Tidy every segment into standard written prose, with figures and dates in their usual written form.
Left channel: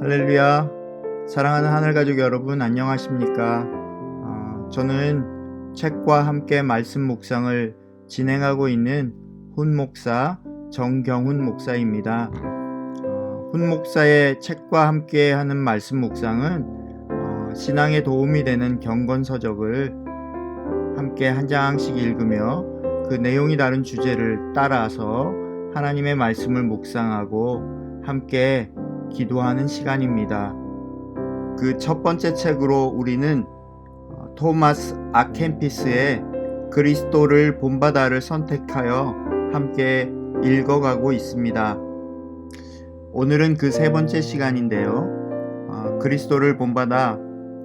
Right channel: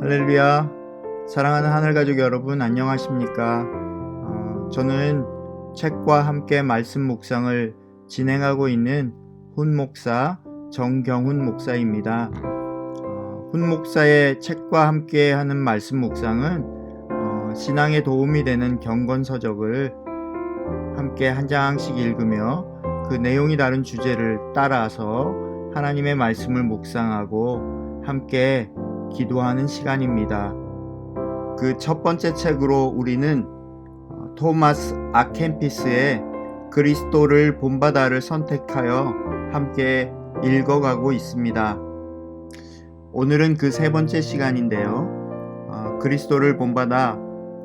할렐루야. 사랑하는 하늘가족 여러분, 안녕하십니까? 저는 책과 함께 말씀 묵상을 진행하고 있는 훈목사 정경훈 목사입니다. 훈목사의 책과 함께 하는 말씀 묵상은 신앙에 도움이 되는 경건서적을 함께 한 장씩 읽으며 그 내용이 다른 주제를 따라서 하나님의 말씀을 묵상하고 함께 기도하는 시간입니다. 그 첫 번째 책으로 우리는 토마스 아켄피스의 그리스도를 본받아를 선택하여 함께 읽어가고 있습니다. 오늘은 그 세 번째 시간인데요. 그리스도를 본받아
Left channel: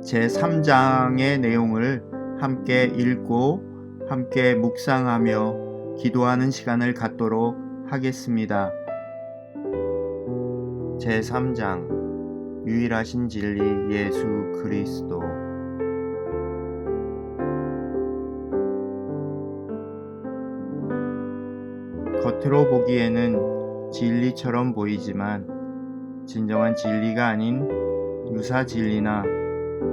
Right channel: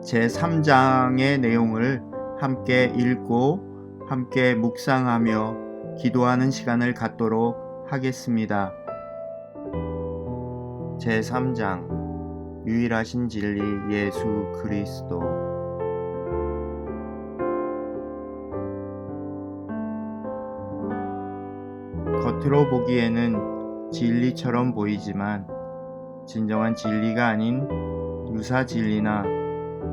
제3장의 내용을 함께 읽고 함께 묵상하며 기도하는 시간을 갖도록 하겠습니다. 제3장 유일하신 진리 예수 그리스도. 겉으로 보기에는 진리처럼 보이지만 진정한 진리가 아닌 유사 진리나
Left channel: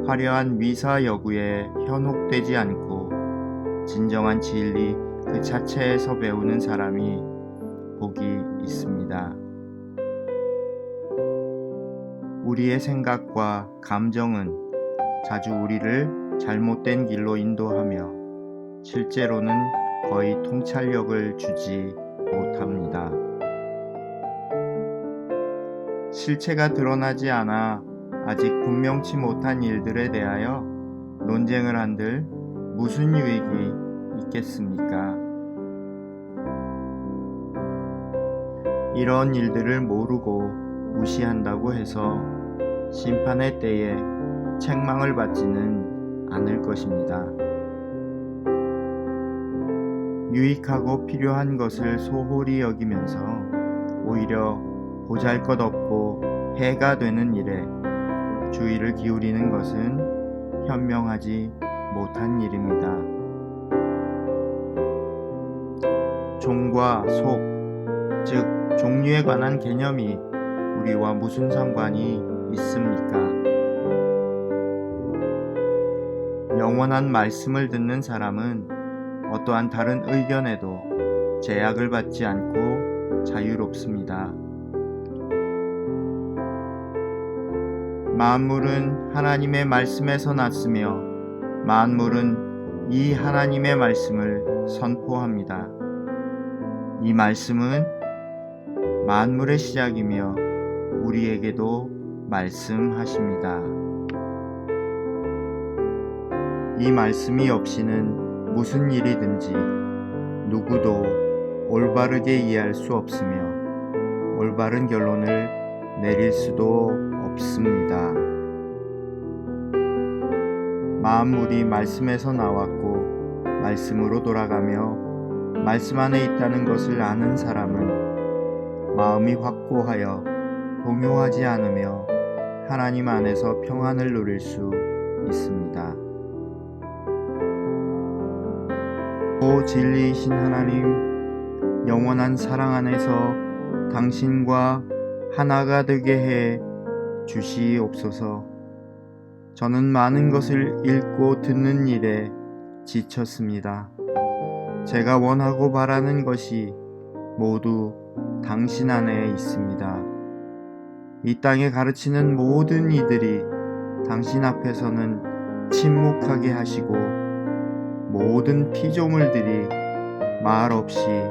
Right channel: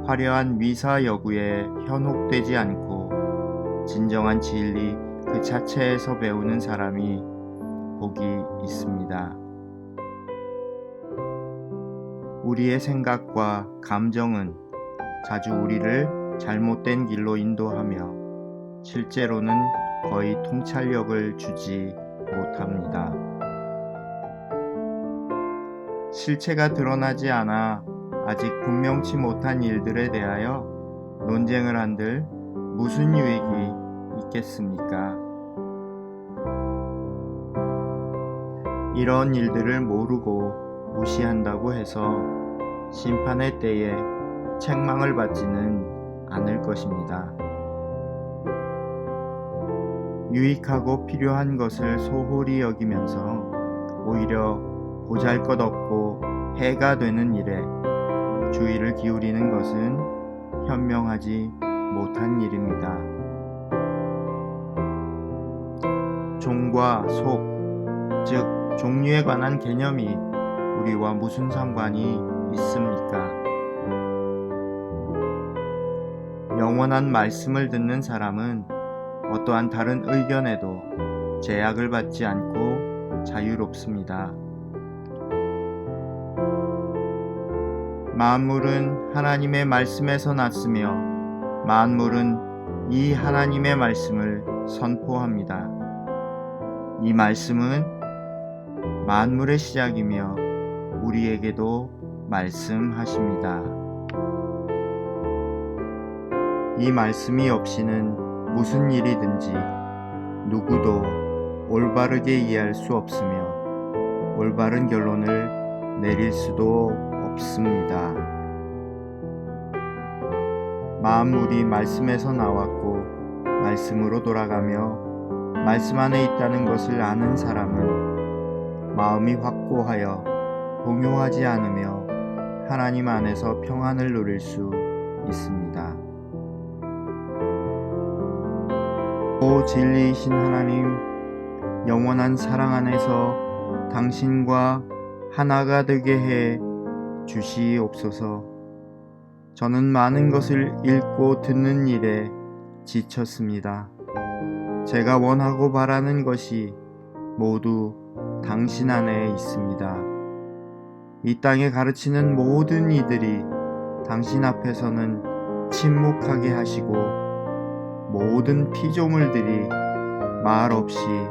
화려한 미사 여구에 현혹되지 않고 진정한 진리 그 자체에서 배우는 사람이 복이 있습니다. 우리의 생각과 감정은 자주 우리를 잘못된 길로 인도하며 실제로는 거의 통찰력을 주지 못합니다. 실체가 드러나지 않아 아직 분명치 못한 일들에 대하여 논쟁을 한들 무슨 유익이 있겠습니까? 이런 일들을 모르고 무시한다고 해서 심판의 때에 책망을 받지는 않을 것입니다. 유익하고 필요한 것을 소홀히 여기면서 오히려 보잘것없고 해가 되는 일에 주의를 기울이는 것은 현명하지 못한 일입니다. 종과 속, 즉 종류에 관한 개념이 우리와 무슨 상관이 있습니까? 영원한 말씀을 듣는 사람은 어떠한 다른 의견에도 제약을 받지 않고 자유롭습니다. 만물은 하나님의 말씀에서 났으며 만물은 이 하나님의 말씀을 선포합니다. 이 말씀은 만물의 시작이며 우리에게도 말씀하십니다. 이 말씀이 없이는 무슨 일이든지 누구도 올바르게 이해할 수 없으며 올바른 결론을 내릴 수도 없습니다. 만물이 말씀에서 나왔고 말씀으로 돌아가며 말씀 안에 있다는 것을 아는 사람은 마음이 확고하여 동요하지 않으며 하나님 안에서 평안을 누릴 수 있습니다. 오 진리이신 하나님, 영원한 사랑 안에서 당신과 하나가 되게 해 주시옵소서. 저는 많은 것을 읽고 듣는 일에 지쳤습니다. 제가 원하고 바라는 것이 모두 당신 안에 있습니다. 이 땅에 가르치는 모든 이들이 당신 앞에서는 침묵하게 하시고 모든 피조물들이 말 없이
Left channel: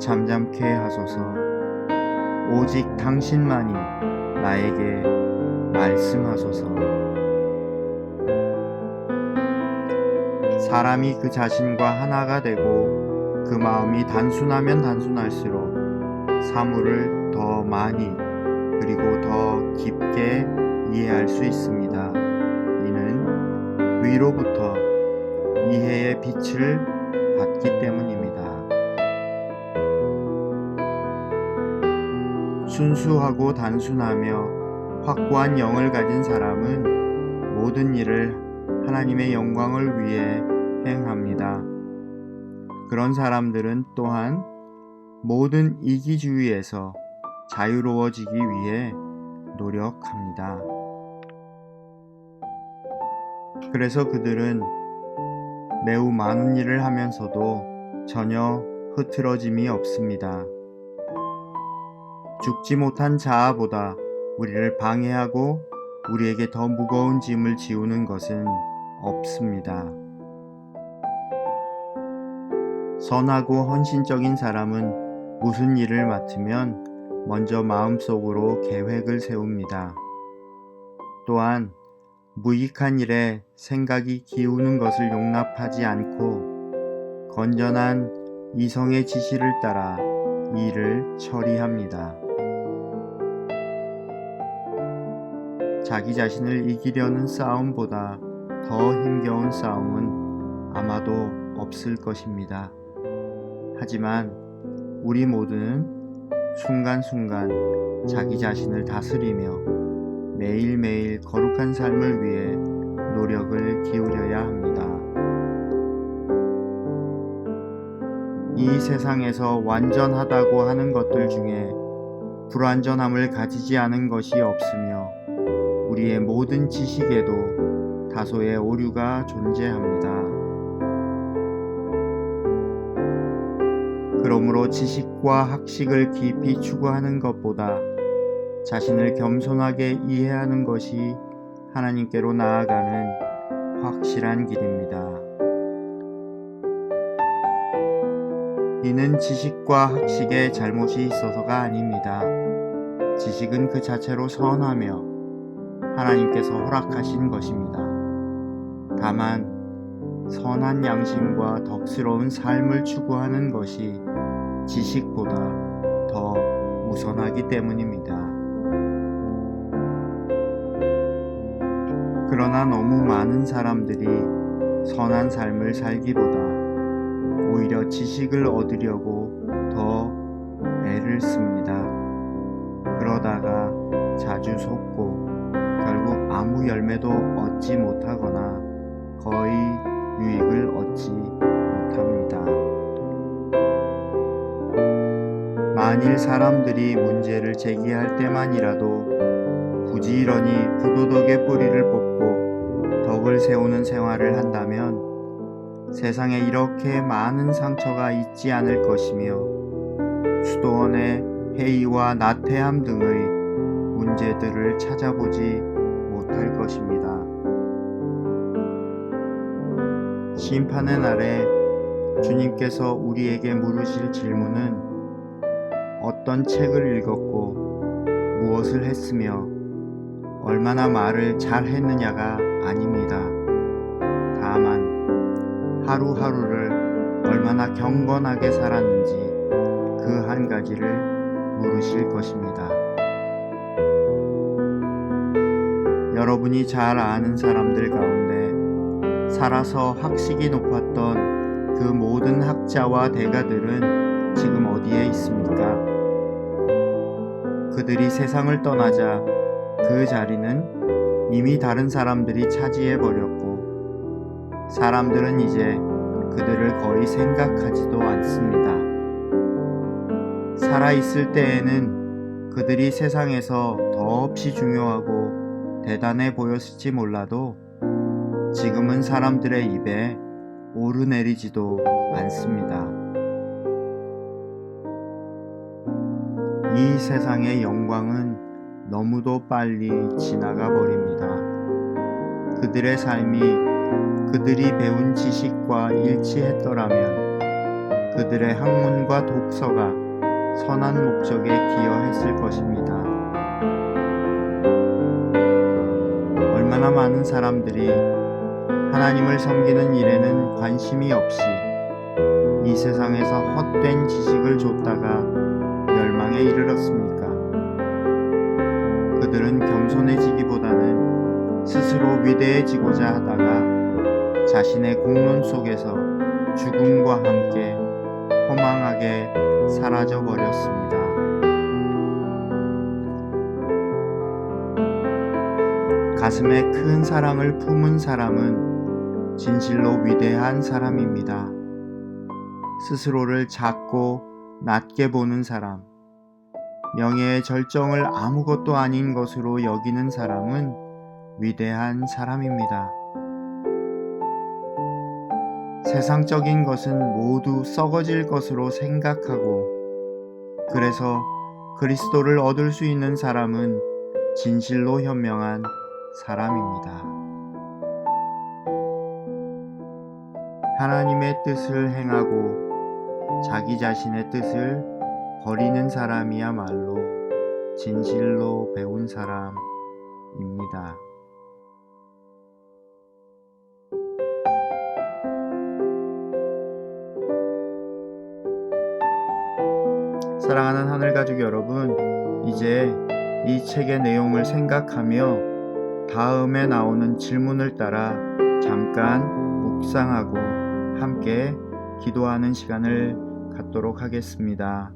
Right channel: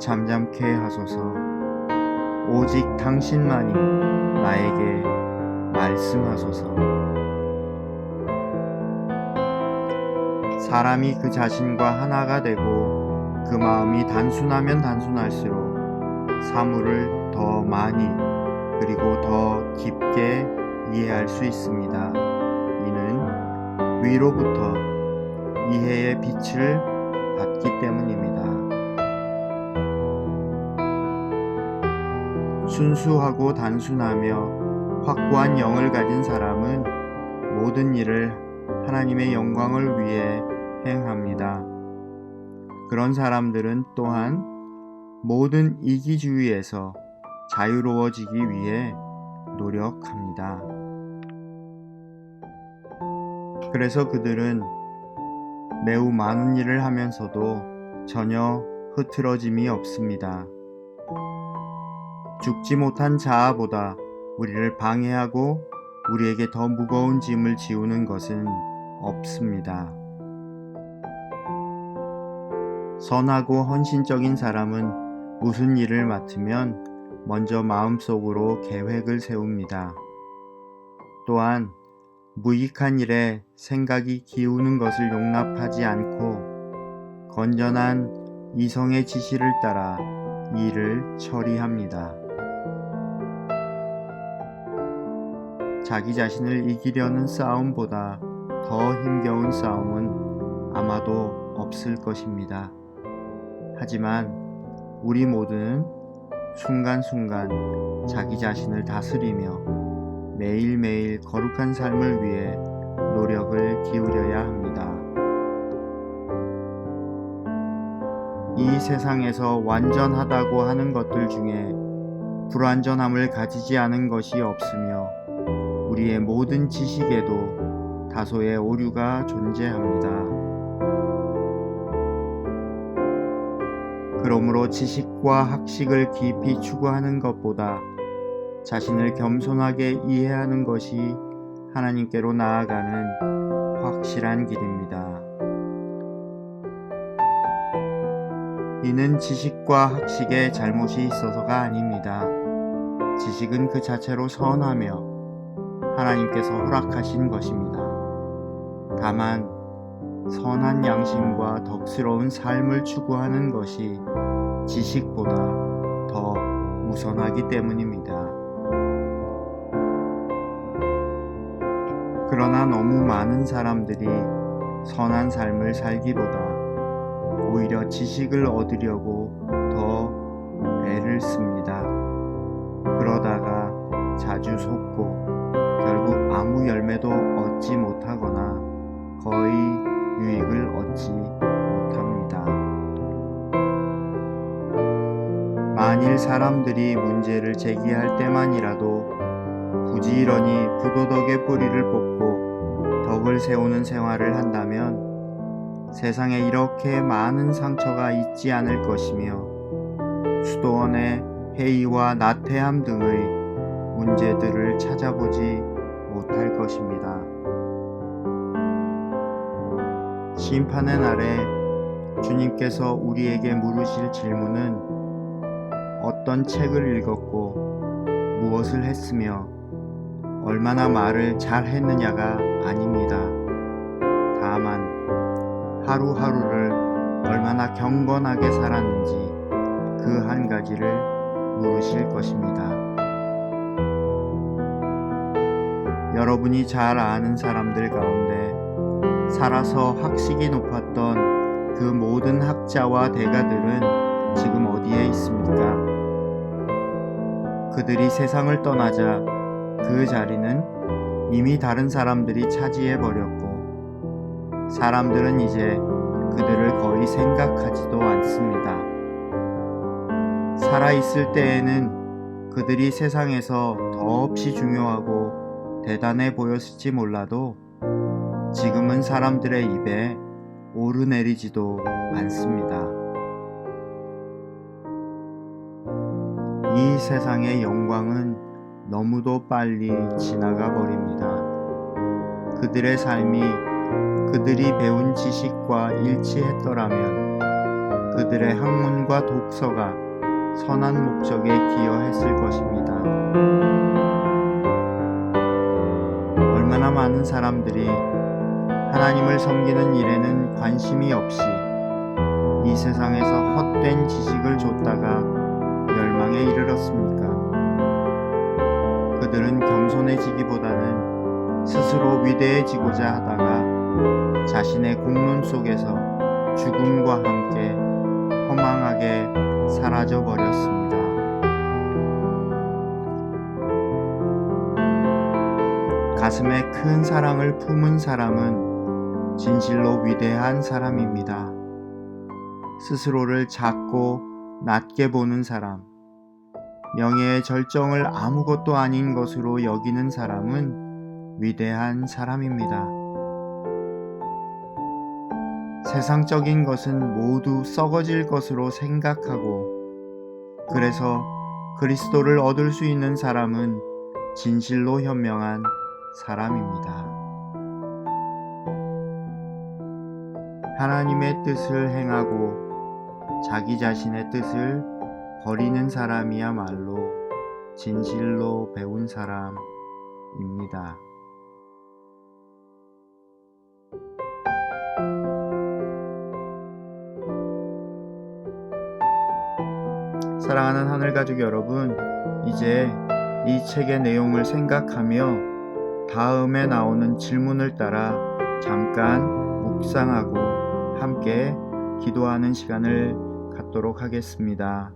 잠잠케 하소서. 오직 당신만이 나에게 말씀하소서. 사람이 그 자신과 하나가 되고 그 마음이 단순하면 단순할수록 사물을 더 많이 그리고 더 깊게 이해할 수 있습니다. 이는 위로부터 이해의 빛을 받기 때문입니다. 순수하고 단순하며 확고한 영을 가진 사람은 모든 일을 하나님의 영광을 위해 행합니다. 그런 사람들은 또한 모든 이기주의에서 자유로워지기 위해 노력합니다. 그래서 그들은 매우 많은 일을 하면서도 전혀 흐트러짐이 없습니다. 죽지 못한 자아보다 우리를 방해하고 우리에게 더 무거운 짐을 지우는 것은 없습니다. 선하고 헌신적인 사람은 무슨 일을 맡으면 먼저 마음속으로 계획을 세웁니다. 또한 무익한 일에 생각이 기우는 것을 용납하지 않고 건전한 이성의 지시를 따라 일을 처리합니다. 자기 자신을 이기려는 싸움보다 더 힘겨운 싸움은 아마도 없을 것입니다. 하지만 우리 모두는 순간순간 자기 자신을 다스리며 매일매일 거룩한 삶을 위해 노력을 기울여야 합니다. 이 세상에서 완전하다고 하는 것들 중에 불완전함을 가지지 않은 것이 없으며 우리의 모든 지식에도 다소의 오류가 존재합니다. 그러므로 지식과 학식을 깊이 추구하는 것보다 자신을 겸손하게 이해하는 것이 하나님께로 나아가는 확실한 길입니다. 이는 지식과 학식에 잘못이 있어서가 아닙니다. 지식은 그 자체로 선하며 하나님께서 허락하신 것입니다. 다만 선한 양심과 덕스러운 삶을 추구하는 것이 지식보다 더 우선하기 때문입니다. 그러나 너무 많은 사람들이 선한 삶을 살기보다 오히려 지식을 얻으려고 더 애를 씁니다. 그러다가 자주 속고 결국 아무 열매도 얻지 못하거나 거의 유익을 얻지 못합니다. 만일 사람들이 문제를 제기할 때만이라도 부지런히 부도덕의 뿌리를 뽑고 덕을 세우는 생활을 한다면 세상에 이렇게 많은 상처가 있지 않을 것이며 수도원의 해이와 나태함 등의 문제들을 찾아보지 못할 것입니다. 심판의 날에 주님께서 우리에게 물으실 질문은 어떤 책을 읽었고 무엇을 했으며 얼마나 말을 잘 했느냐가 아닙니다. 다만 하루하루를 얼마나 경건하게 살았는지 그 한 가지를 물으실 것입니다. 여러분이 잘 아는 사람들 가운데 살아서 학식이 높았던 그 모든 학자와 대가들은 지금 어디에 있습니까? 그들이 세상을 떠나자 그 자리는 이미 다른 사람들이 차지해 버렸고 사람들은 이제 그들을 거의 생각하지도 않습니다. 살아있을 때에는 그들이 세상에서 더없이 중요하고 대단해 보였을지 몰라도 지금은 사람들의 입에 오르내리지도 않습니다. 이 세상의 영광은 너무도 빨리 지나가 버립니다. 그들의 삶이 그들이 배운 지식과 일치했더라면 그들의 학문과 독서가 선한 목적에 기여했을 것입니다. 얼마나 많은 사람들이 하나님을 섬기는 일에는 관심이 없이 이 세상에서 헛된 지식을 줬다가 멸망에 이르렀습니까? 그들은 겸손해지기보다는 스스로 위대해지고자 하다가 자신의 공론 속에서 죽음과 함께 허망하게 사라져 버렸습니다. 가슴에 큰 사랑을 품은 사람은 진실로 위대한 사람입니다. 스스로를 작고 낮게 보는 사람, 명예의 절정을 아무것도 아닌 것으로 여기는 사람은 위대한 사람입니다. 세상적인 것은 모두 썩어질 것으로 생각하고, 그래서 그리스도를 얻을 수 있는 사람은 진실로 현명한 사람입니다. 하나님의 뜻을 행하고 자기 자신의 뜻을 버리는 사람이야말로 진실로 배운 사람입니다. 사랑하는 하늘가족 여러분, 이제 이 책의 내용을 생각하며 다음에 나오는 질문을 따라 잠깐 묵상하고 함께 기도하는 시간을 갖도록 하겠습니다.